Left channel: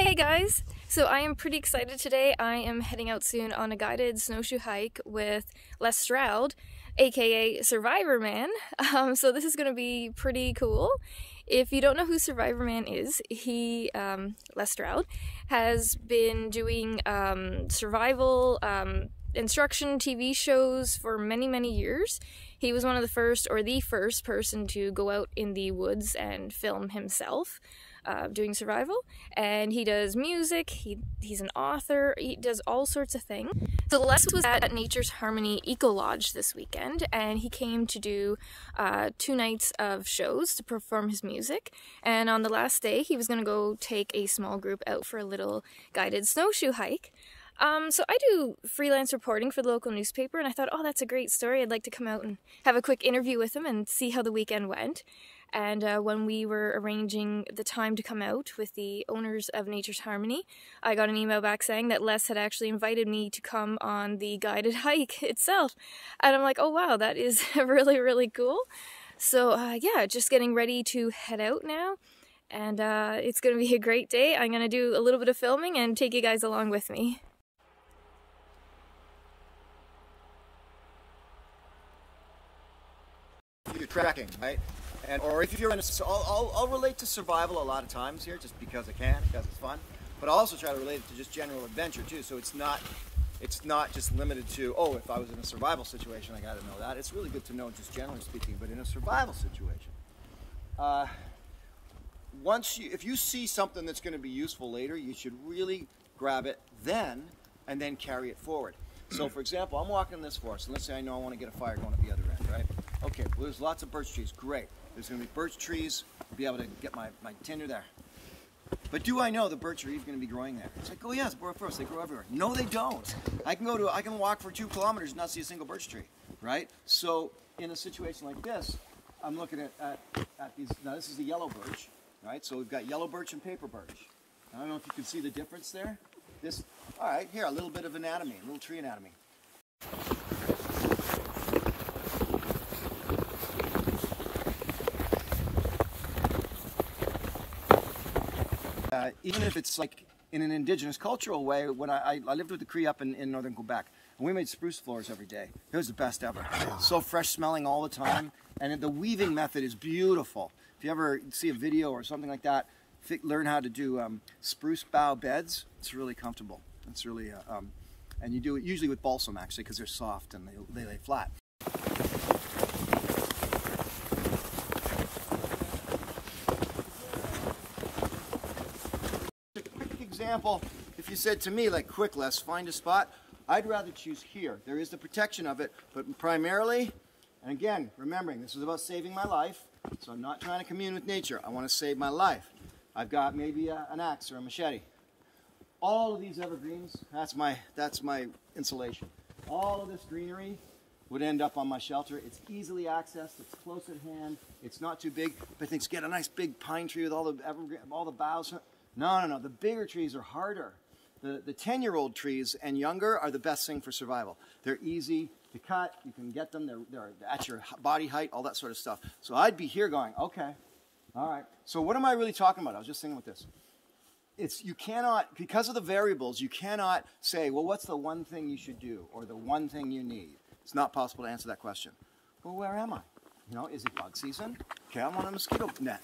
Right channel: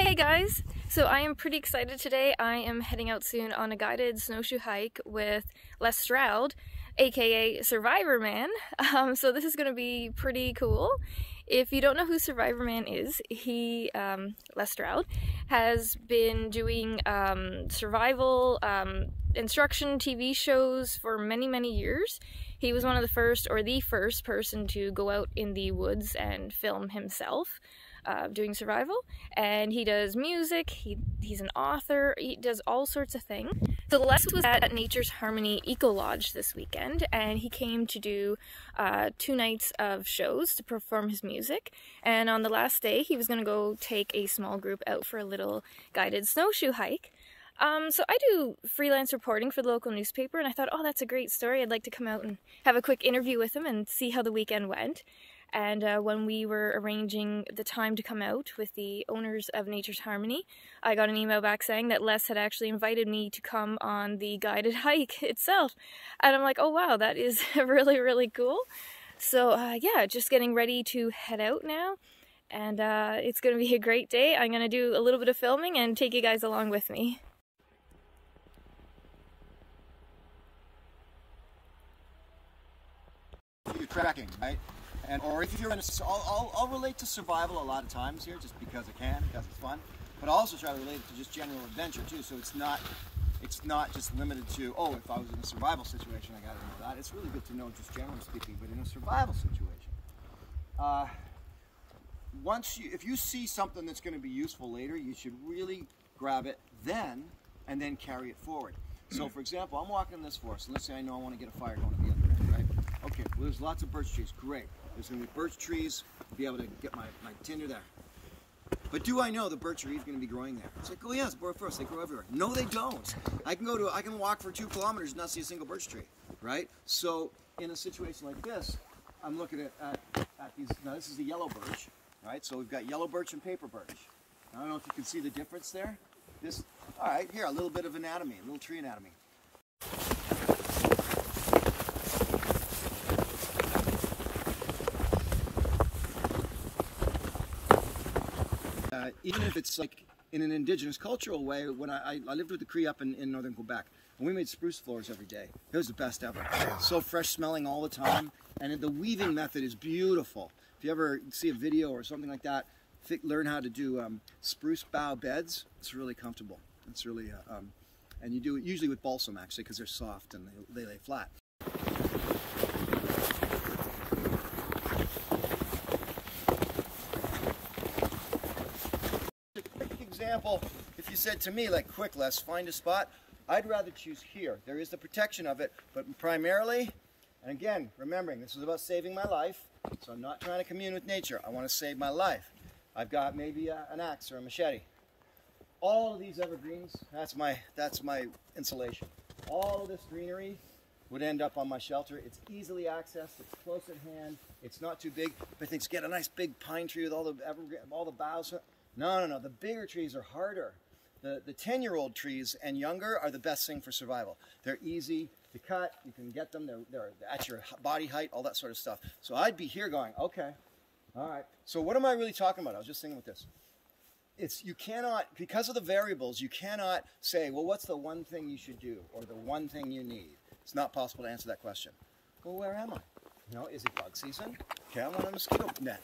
Hey guys! So I am pretty excited today. I am heading out soon on a guided snowshoe hike with Les Stroud, aka Survivorman. So this is going to be pretty cool. If you don't know who Survivorman is, Les Stroud, has been doing survival instruction TV shows for many years. He was one of the first, or the first person to go out in the woods and film himself doing survival. And he does music, he's an author, he does all sorts of things. So Les was at Nature's Harmony Ecolodge this weekend, and he came to do 2 nights of shows to perform his music. And on the last day, he was going to go take a small group out for a little guided snowshoe hike. So I do freelance reporting for the local newspaper, and I thought, oh, that's a great story. I'd like to come out and have a quick interview with him and see how the weekend went. And when we were arranging the time to come out with the owners of Nature's Harmony, I got an email back saying that Les had actually invited me to come on the guided hike itself. And I'm like, oh wow, that is really cool. So yeah, just getting ready to head out now. And it's going to be a great day. I'm going to do a little bit of filming and take you guys along with me. You're tracking, right? Or if you're in I'll relate to survival a lot of times here, just because I can, because it's fun. But I'll also try to relate it to just general adventure too. So it's not just limited to, oh, if I was in a survival situation, I got to know that. It's really good to know, just generally speaking. But in a survival situation, if you see something that's going to be useful later, you should really grab it then, and then carry it forward. So, for example, I'm walking in this forest, and let's say I know I want to get a fire going at the other end, right? Okay, well, there's lots of birch trees. Great. There's going to be birch trees. I'll be able to get my tinder there. But do I know the birch tree is going to be growing there? It's like, oh yeah, it's a forest. They grow everywhere. No, they don't. I can walk for 2 kilometers and not see a single birch tree, right? So, in a situation like this, I'm looking at these. Now, this is the yellow birch, right? So we've got yellow birch and paper birch. I don't know if you can see the difference there. All right, here, a little bit of anatomy, a little tree anatomy. Even if it's like in an indigenous cultural way, when I lived with the Cree up in northern Quebec, and we made spruce floors every day. It was the best ever. So fresh smelling all the time, and the weaving method is beautiful. If you ever see a video or something like that, learn how to do spruce bough beds. It's really comfortable. It's really, and you do it usually with balsam actually, because they're soft and they lay flat. Example, if you said to me, like, quick, Les, find a spot, I'd rather choose here. There is the protection of it, but primarily, and again, remembering this is about saving my life, so I'm not trying to commune with nature. I want to save my life. I've got maybe an axe or a machete. All of these evergreens, that's my insulation. All of this greenery would end up on my shelter. It's easily accessed, it's close at hand, it's not too big. But things get a nice big pine tree with all the boughs. No. The bigger trees are harder. The 10-year-old trees and younger are the best thing for survival. They're easy to cut. You can get them. They're at your body height, all that sort of stuff. So I'd be here going, okay, all right. So what am I really talking about? I was just thinking with this. You cannot, because of the variables, you cannot say, well, what's the one thing you should do or the one thing you need? It's not possible to answer that question. Well, where am I? You know, is it bug season? Okay, I want a mosquito net.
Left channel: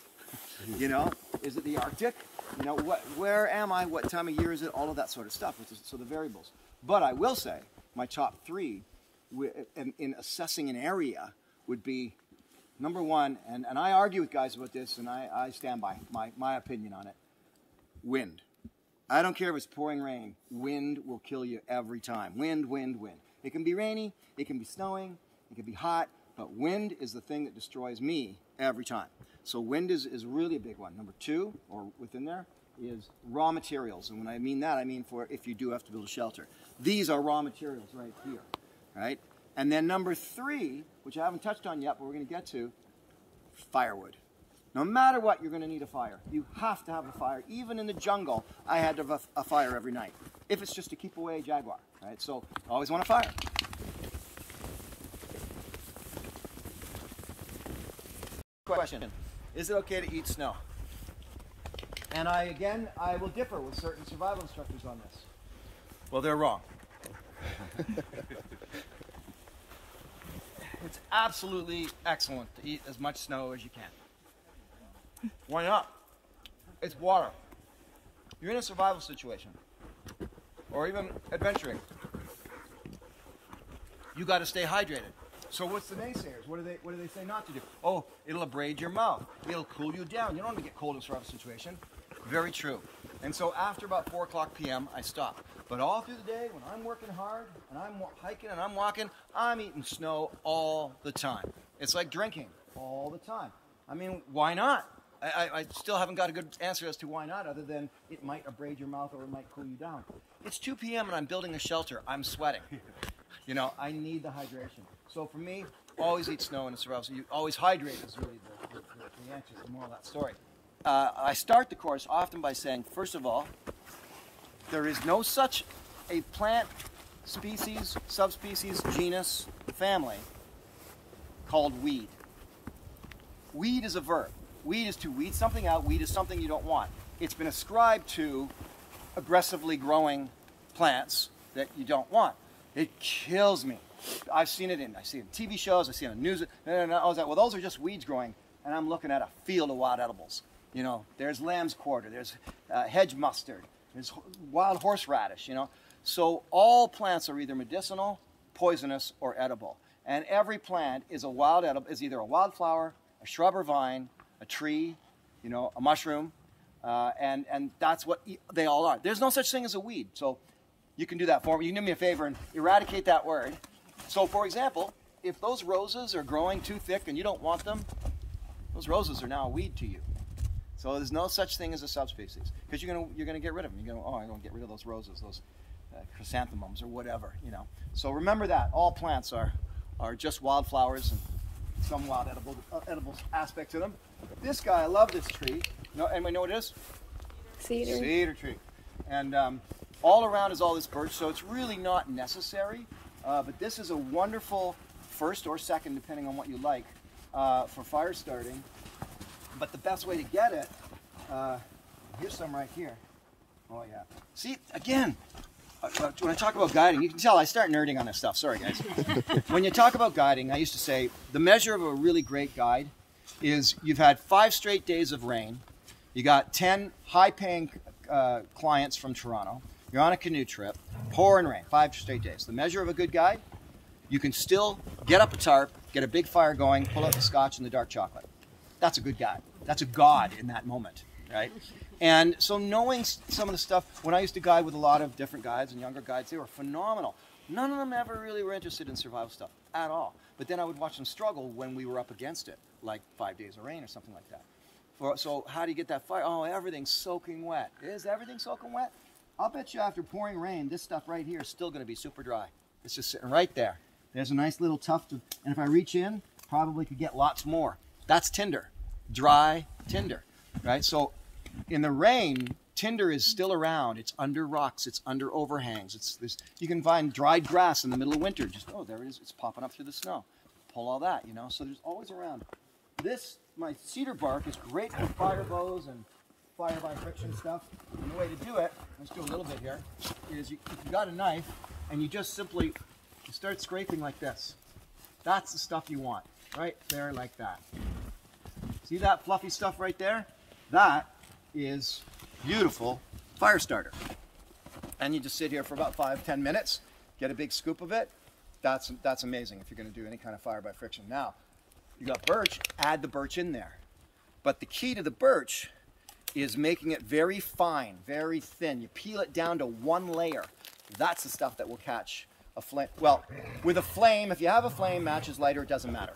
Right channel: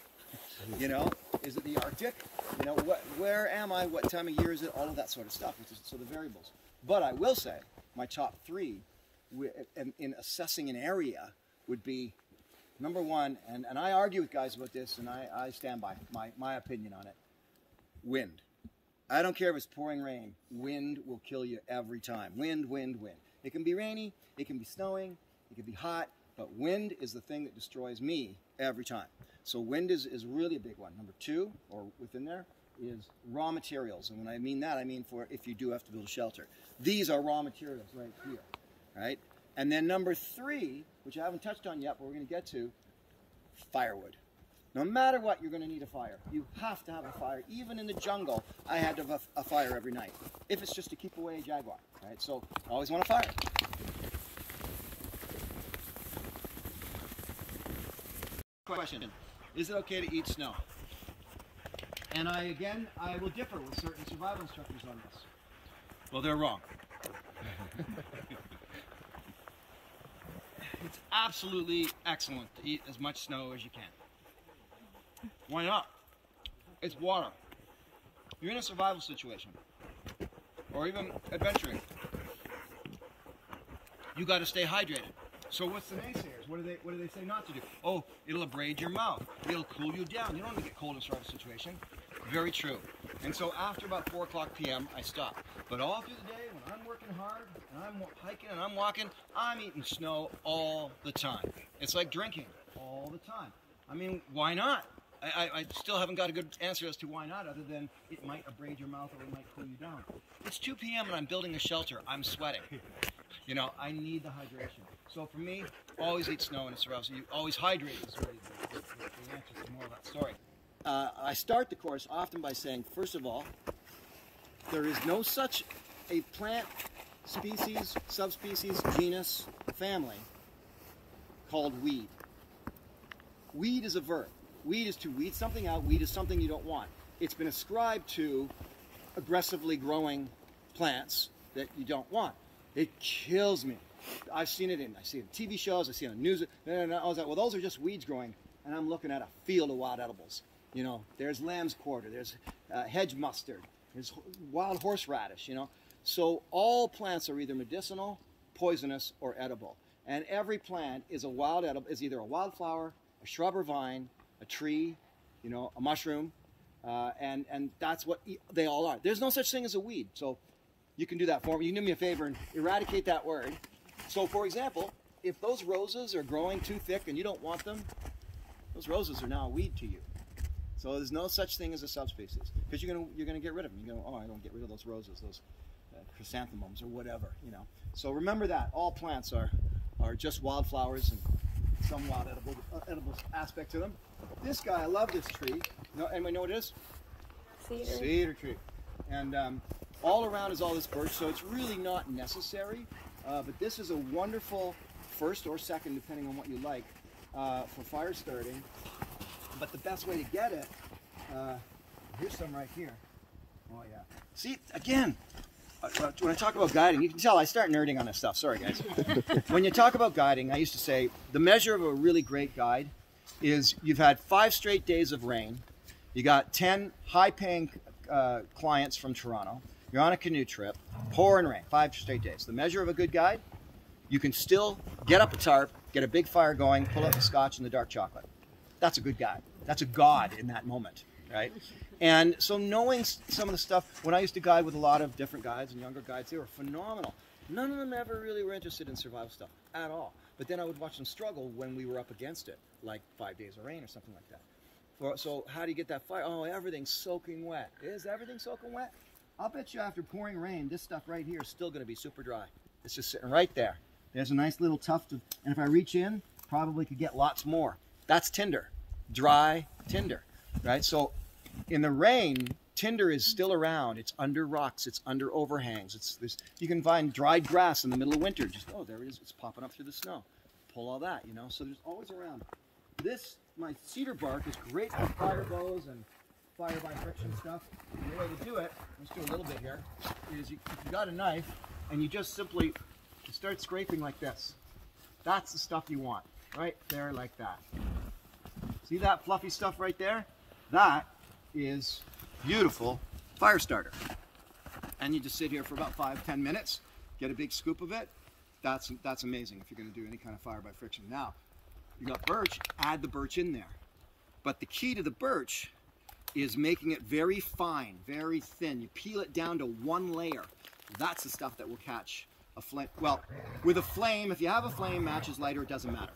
You know, is it the Arctic? You know, where am I? What time of year is it? All of that sort of stuff. So the variables. But I will say, my top 3 in assessing an area would be, number 1, and I argue with guys about this, and I stand by my opinion on it, wind. I don't care if it's pouring rain. Wind will kill you every time. Wind. It can be rainy, it can be snowing, it can be hot, but wind is the thing that destroys me every time. So wind is really a big one. Number 2, or within there, is raw materials. And when I mean that, I mean for if you do have to build a shelter. These are raw materials right here, right? And then number 3, which I haven't touched on yet, but we're going to get to, firewood. No matter what, you're going to need a fire. You have to have a fire. Even in the jungle, I had to have a fire every night. If it's just to keep away a jaguar, right? So I always want a fire. Question. Is it okay to eat snow? And I will differ with certain survival instructors on this. Well, they're wrong. It's absolutely excellent to eat as much snow as you can. Why not? It's water. You're in a survival situation, or even adventuring. You got to stay hydrated. So what's the naysayers? What do they say not to do? Oh, it'll abrade your mouth. It'll cool you down. You don't want to get cold in a survival situation. Very true. And so after about 4 o'clock p.m., I stop. But all through the day, when I'm working hard, and I'm hiking and I'm walking, I'm eating snow all the time. It's like drinking all the time. I mean, why not? I still haven't got a good answer as to why not, other than it might abrade your mouth or it might cool you down. It's 2 p.m. and I'm building a shelter. I'm sweating. You know, I need the hydration. So for me, always eat snow in a survival. So you always hydrate is really the answer, the moral of that story. I start the course often by saying, first of all, there is no such a plant species, subspecies, genus, family called weed. Weed is a verb. Weed is to weed something out. Weed is something you don't want. It's been ascribed to aggressively growing plants that you don't want. It kills me. I see it in TV shows. I see it on news. Well, those are just weeds growing, and I'm looking at a field of wild edibles. You know, there's lamb's quarter, there's hedge mustard, there's wild horseradish. You know, so all plants are either medicinal, poisonous, or edible. And every plant is a wild edible, is either a wildflower, a shrub or vine, a tree, you know, a mushroom, and that's what they all are. There's no such thing as a weed. So you can do that for me. You can do me a favor and eradicate that word. So for example, if those roses are growing too thick and you don't want them, those roses are now a weed to you. So there's no such thing as a subspecies, because you're gonna get rid of them. You're gonna, oh, I don't get rid of those roses, those chrysanthemums or whatever, you know. So remember that all plants are just wildflowers and some wild edible aspect to them. This guy, I love this tree. Anybody know what it is? Cedar. Cedar tree. And all around is all this birch, so it's really not necessary. But this is a wonderful first or second, depending on what you like, for fire starting. But the best way to get it, here's some right here. Oh yeah. See, again, when I talk about guiding, you can tell I start nerding on this stuff. Sorry, guys. When you talk about guiding, I used to say the measure of a really great guide is you've had 5 straight days of rain. You got 10 high-paying clients from Toronto. You're on a canoe trip, pouring rain, 5 straight days. The measure of a good guide, you can still get up a tarp, get a big fire going, pull out the scotch and the dark chocolate. That's a good guide. That's a god in that moment, right? And so knowing some of the stuff, when I used to guide with a lot of different guides and younger guides, they were phenomenal. None of them ever really were interested in survival stuff at all. But then I would watch them struggle when we were up against it, like 5 days of rain or something like that. So how do you get that fire? Oh, everything's soaking wet. Is everything soaking wet? I'll bet you after pouring rain, this stuff right here is still going to be super dry. It's just sitting right there. There's a nice little tuft of, and if I reach in, probably could get lots more. That's tinder, dry tinder, right? So in the rain, tinder is still around. It's under rocks. It's under overhangs. You can find dried grass in the middle of winter. Just, oh, there it is. It's popping up through the snow. Pull all that, you know. So there's always around. My cedar bark is great for fire bows and fire by friction stuff. And the way to do it, let's do a little bit here, is if you got a knife and you just simply start scraping like this. That's the stuff you want, right there like that. See that fluffy stuff right there? That is beautiful fire starter. And you just sit here for about 5-10 minutes, get a big scoop of it. That's amazing if you're going to do any kind of fire by friction. Now, you got birch, add the birch in there. But the key to the birch is making it very fine, very thin. You peel it down to 1 layer. That's the stuff that will catch a flame. Well, with a flame, if you have a flame, matches lighter, it doesn't matter.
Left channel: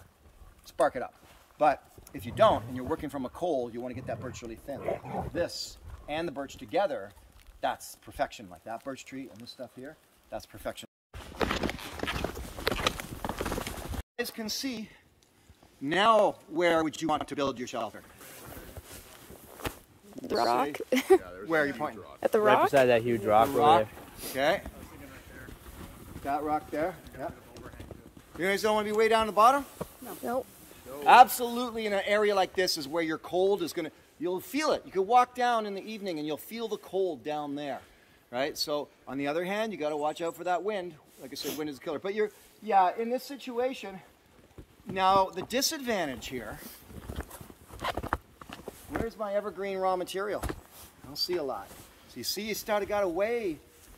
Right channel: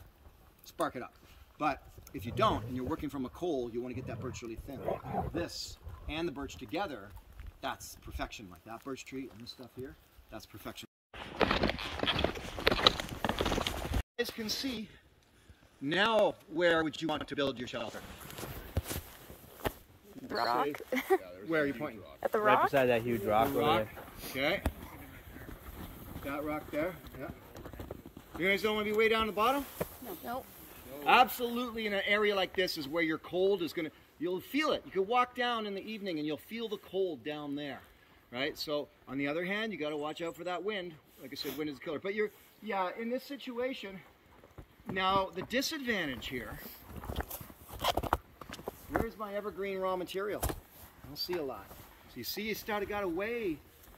Spark it up. But if you don't, and you're working from a coal, you want to get that birch really thin. This and the birch together, that's perfection. Like that birch tree and this stuff here, that's perfection. You guys can see, now where would you want to build your shelter? The rock? Where are you pointing? At the rock? Right beside that huge rock. The rock. Okay. That rock there. Yep. You guys don't want to be way down the bottom? Nope. Absolutely, in an area like this is where your cold is going to... you'll feel it. You could walk down in the evening and you'll feel the cold down there, right? So on the other hand, you got to watch out for that wind. Like I said, wind is a killer. But yeah, in this situation, now the disadvantage here, where's my evergreen raw material? I don't see a lot. So you see, you got to weigh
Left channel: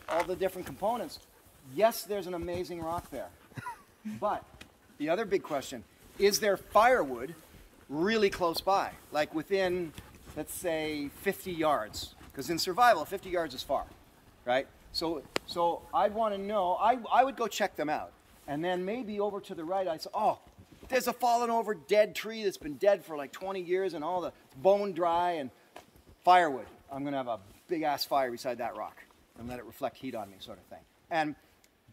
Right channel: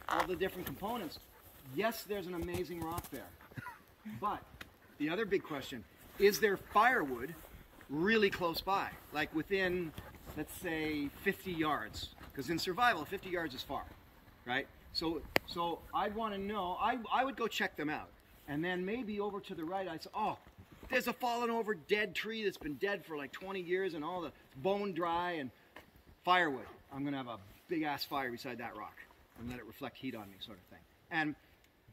all the different components. Yes, there's an amazing rock there. But the other big question, is there firewood really close by? Like within, let's say, 50 yards? Because in survival, 50 yards is far, right? So I'd want to know, I would go check them out. And then maybe over to the right, I'd say, oh, there's a fallen over dead tree that's been dead for like 20 years and all the bone dry and firewood. I'm going to have a big ass fire beside that rock and let it reflect heat on me, sort of thing. And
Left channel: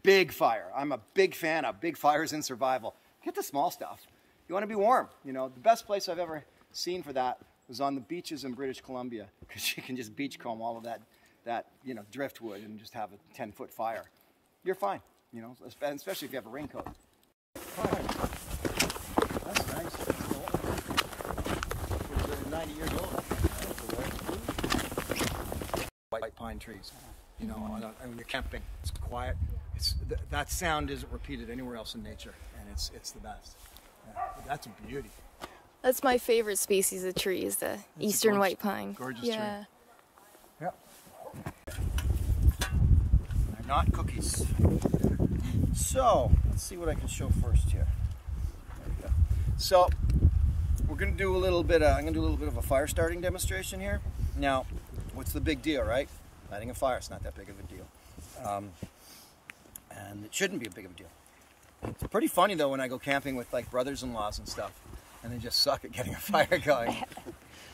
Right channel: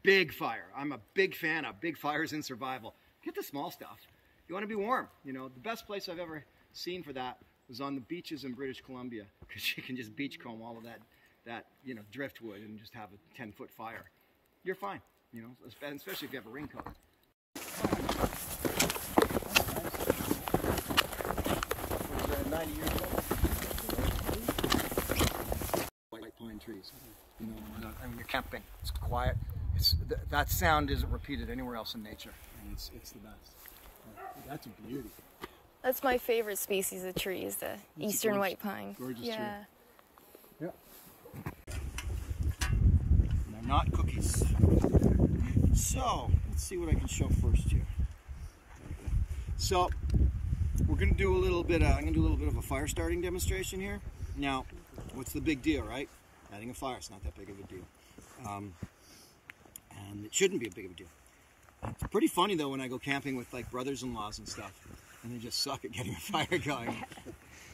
big fire. I'm a big fan of big fires in survival. Get the small stuff. You want to be warm. You know, the best place I've ever seen for that was on the beaches in British Columbia, because you can just beachcomb all of that you know, driftwood and just have a 10-foot fire. You're fine, you know, especially if you have a raincoat. That's nice. Stuff was 90 years old. White pine trees. You know, I mean, you're camping. It's quiet. That sound isn't repeated anywhere else in nature, and it's the best. Yeah, that's a beauty. That's my favorite species of tree, is the eastern white pine. Gorgeous tree. Yep. And they're not cookies. So let's see what I can show first here. There we go. So we're going to do a little bit. I'm going to do a little bit of a fire starting demonstration here. Now, what's the big deal, right? Lighting a fire. It's not that big of a deal. And it shouldn't be a big of a deal. It's pretty funny though when I go camping with like brothers-in-laws and stuff, and they just suck at getting a fire going.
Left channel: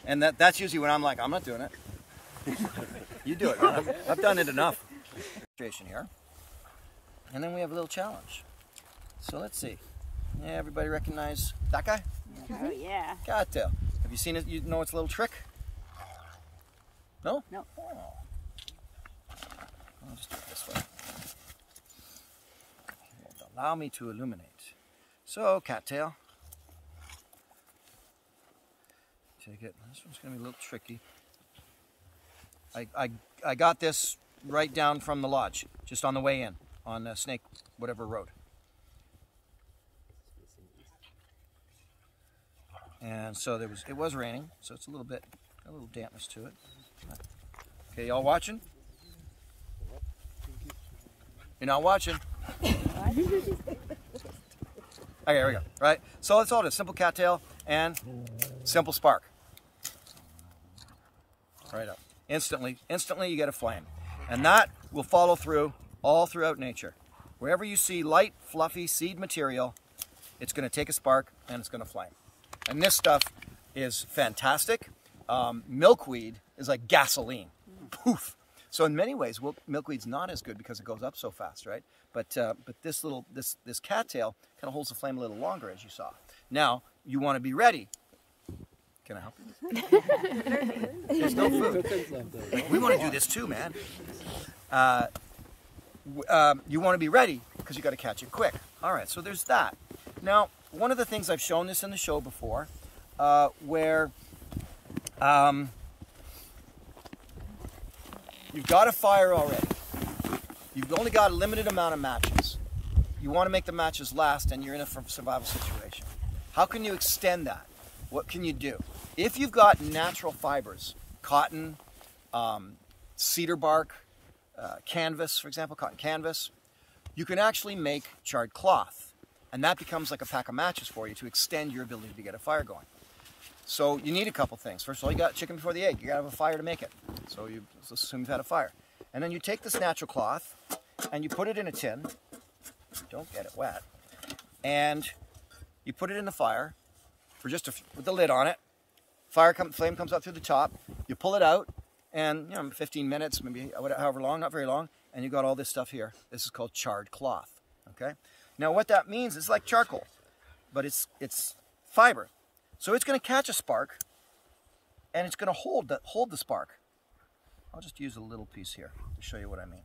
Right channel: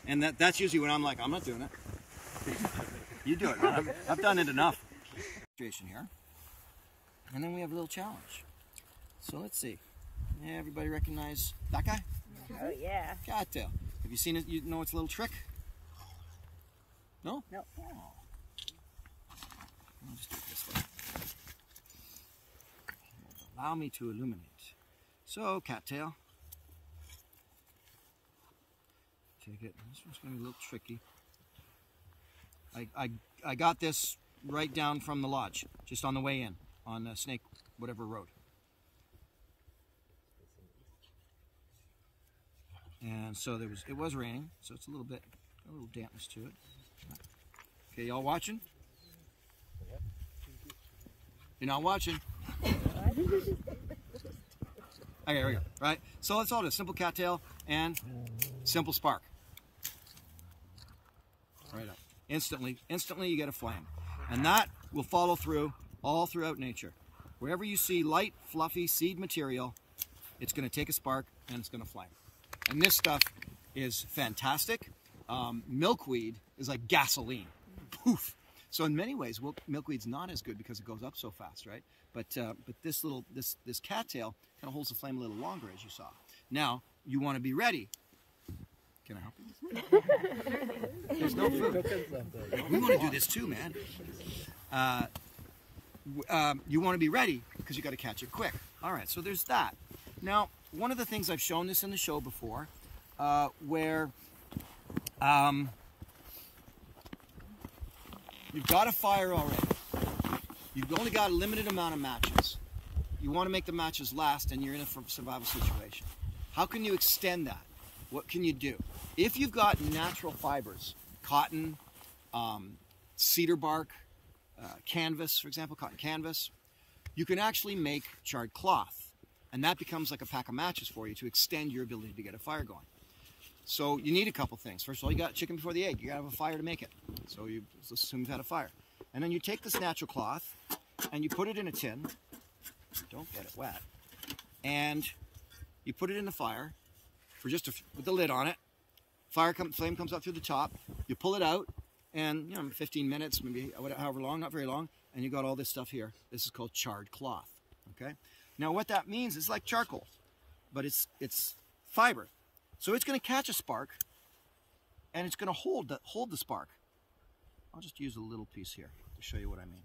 And that's usually when I'm like, I'm not doing it. You do it, man. I've done it enough. Here. And then we have a little challenge. So let's see. Yeah, everybody recognize that guy? Oh, yeah. Cattail. Have you seen it? You know its little trick? No? No. Oh. I'll just do it this way. Allow me to illuminate. So, cattail. Take it. This one's going to be a little tricky. I got this right down from the lodge, just on the way in, on Snake, whatever road. And so it was raining, so it's a little dampness to it. Okay, y'all watching? You're not watching. Okay, here we go. Right. So let's hold it. Simple cattail and simple spark. Right up. Instantly you get a flame. And that will follow through all throughout nature. Wherever you see light, fluffy seed material, it's going to take a spark and it's going to flame. And this stuff is fantastic. Milkweed is like gasoline. Poof. So in many ways, milkweed's not as good because it goes up so fast, right? But this cattail kind of holds the flame a little longer, as you saw. Now you want to be ready. Can I help you? There's no food. We want to do this too, man. You want to be ready because you got to catch it quick. All right, so there's that. Now, one of the things I've shown this in the show before, where you've got a fire already. You've only got a limited amount of matches. You want to make the matches last, and you're in a survival situation. How can you extend that? What can you do? If you've got natural fibers, cotton, cedar bark, canvas, for example, cotton canvas, you can actually make charred cloth. And that becomes like a pack of matches for you to extend your ability to get a fire going. So you need a couple things. First of all, you got chicken before the egg. You got to have a fire to make it. So let's assume you've had a fire. And then you take this natural cloth and you put it in a tin. Don't get it wet. And you put it in the fire for just with the lid on it. Flame comes up through the top. You pull it out, and 15 minutes, maybe however long, not very long, and you got all this stuff here. This is called charred cloth. Okay. Now what that means is like charcoal, but it's fiber. So it's going to catch a spark, and it's going to hold the spark. I'll just use a little piece here to show you what I mean.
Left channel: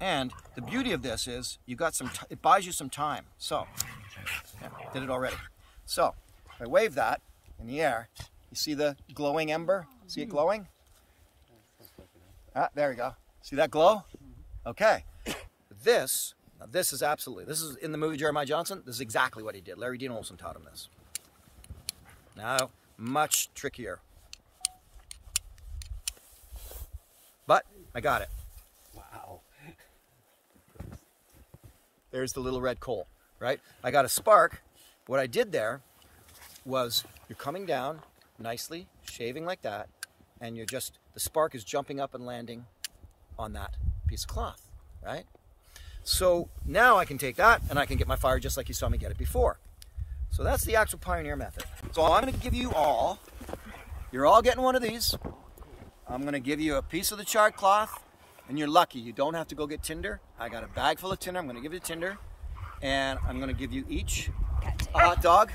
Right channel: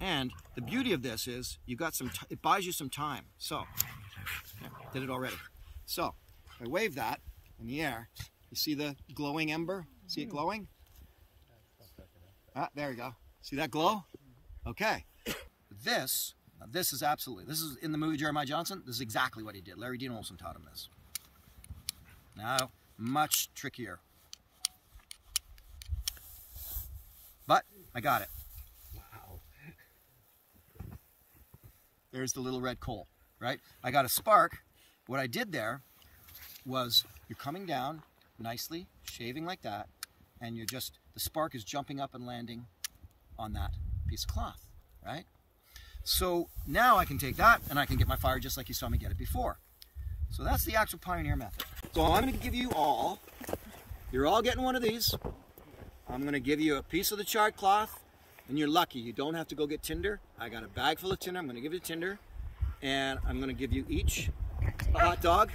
And the beauty of this is you got it buys you some time. So, yeah, did it already. So, if I wave that in the air, you see the glowing ember? See it glowing? Ah, there we go. See that glow? Okay. This is in the movie Jeremiah Johnson. This is exactly what he did. Larry Dean Olson taught him this. Now, much trickier. But I got it. Wow. There's the little red coal, right? I got a spark. What I did there was you're coming down nicely, shaving like that, and the spark is jumping up and landing on that piece of cloth, right? So now I can take that and I can get my fire just like you saw me get it before. So that's the actual pioneer method. So I'm going to give you all, you're all getting one of these. I'm going to give you a piece of the charred cloth, and you're lucky. You don't have to go get tinder. I got a bag full of tinder. I'm going to give you tinder, and I'm going to give you each a hot dog.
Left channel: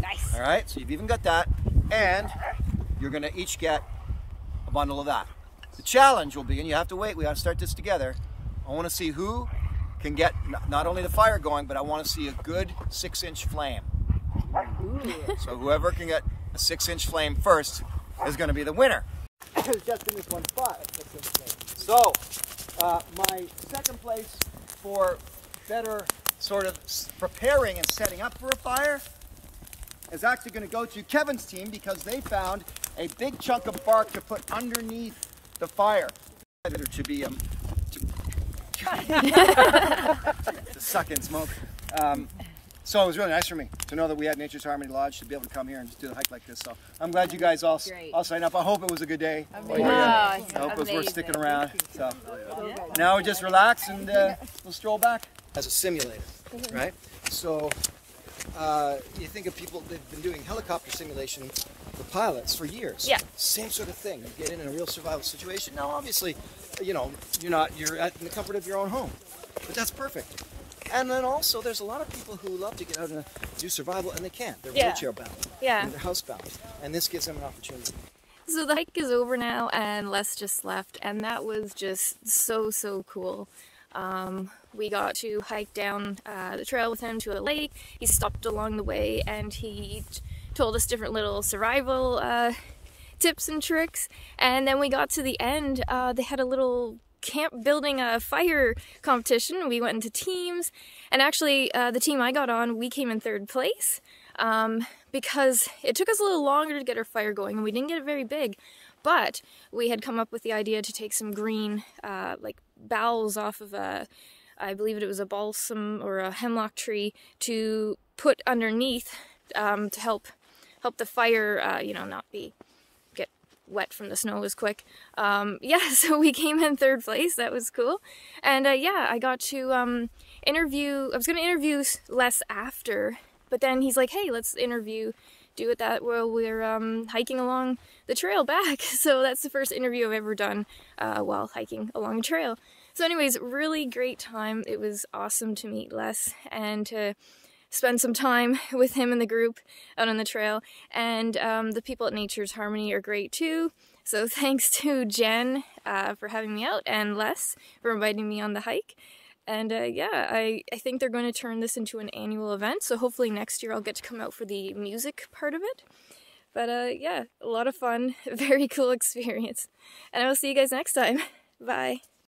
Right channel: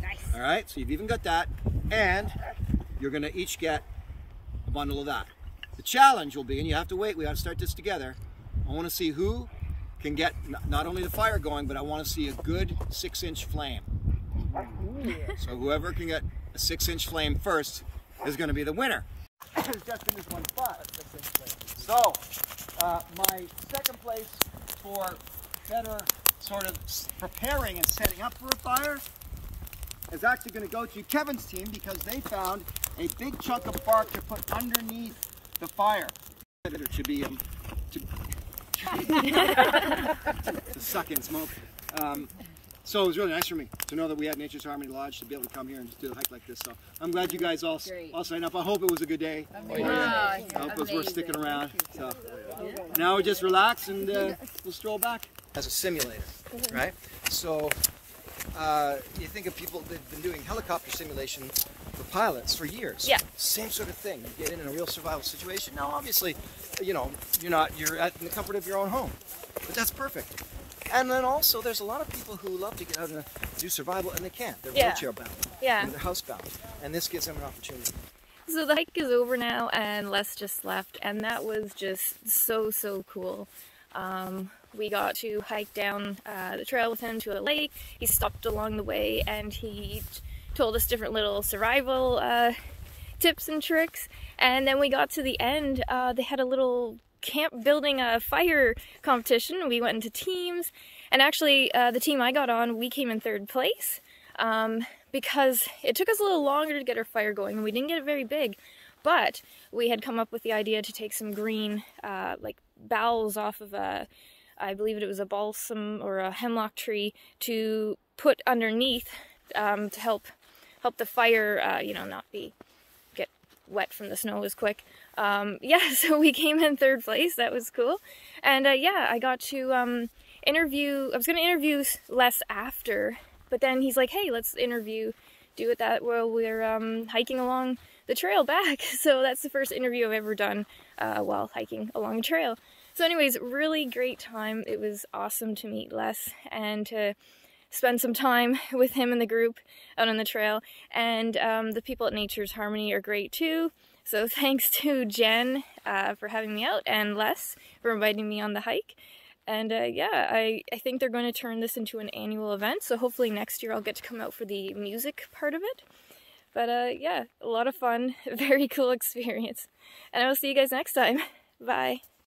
Nice. All right, so you've even got that, and you're going to each get a bundle of that. The challenge will be, and you have to wait, we have to start this together. I want to see who can get not only the fire going, but I want to see a good 6-inch flame. So whoever can get a 6-inch flame first is going to be the winner. Just in this one spot, a 6-inch flame. So my second place for better sort of preparing and setting up for a fire is actually going to go to Kevin's team, because they found a big chunk of bark to put underneath the fire to be to suck in smoke. So it was really nice for me to know that we had Nature's Harmony Lodge to be able to come here and do a hike like this. So I'm glad you guys all signed up. I hope it was a good day. I hope it was worth sticking around. So now we just relax and we'll stroll back. As a simulator, right? So you think of people, they've been doing helicopter simulation for pilots for years. Yeah. Same sort of thing. You get in a real survival situation. Now, obviously, you know, you're in the comfort of your own home, but that's perfect. And then also, there's a lot of people who love to get out and do survival, and they can't. They're wheelchair bound. Yeah. And they're housebound, and this gives them an opportunity. So the hike is over now, and Les just left, and that was just so cool. We got to hike down the trail with him to a lake. He stopped along the way, and he told us different little survival tips and tricks. And then we got to the end. They had a little camp building a fire competition. We went into teams, and actually the team I got on, we came in 3rd place because it took us a little longer to get our fire going, and we didn't get it very big. But we had come up with the idea to take some green like boughs off of I believe it was a balsam or a hemlock tree, to put underneath to help the fire, you know, not get wet from the snow as quick. Yeah, so we came in 3rd place. That was cool. And yeah, I got to I was going to interview Les after, but then he's like, hey, let's do it that while we're hiking along the trail back. So that's the first interview I've ever done while hiking along a trail. So anyways, really great time. It was awesome to meet Les and to spend some time with him and the group out on the trail. And the people at Nature's Harmony are great too. So thanks to Jen for having me out, and Les for inviting me on the hike. And yeah, I think they're going to turn this into an annual event. So hopefully next year I'll get to come out for the music part of it. But yeah, a lot of fun, very cool experience. And I will see you guys next time. Bye.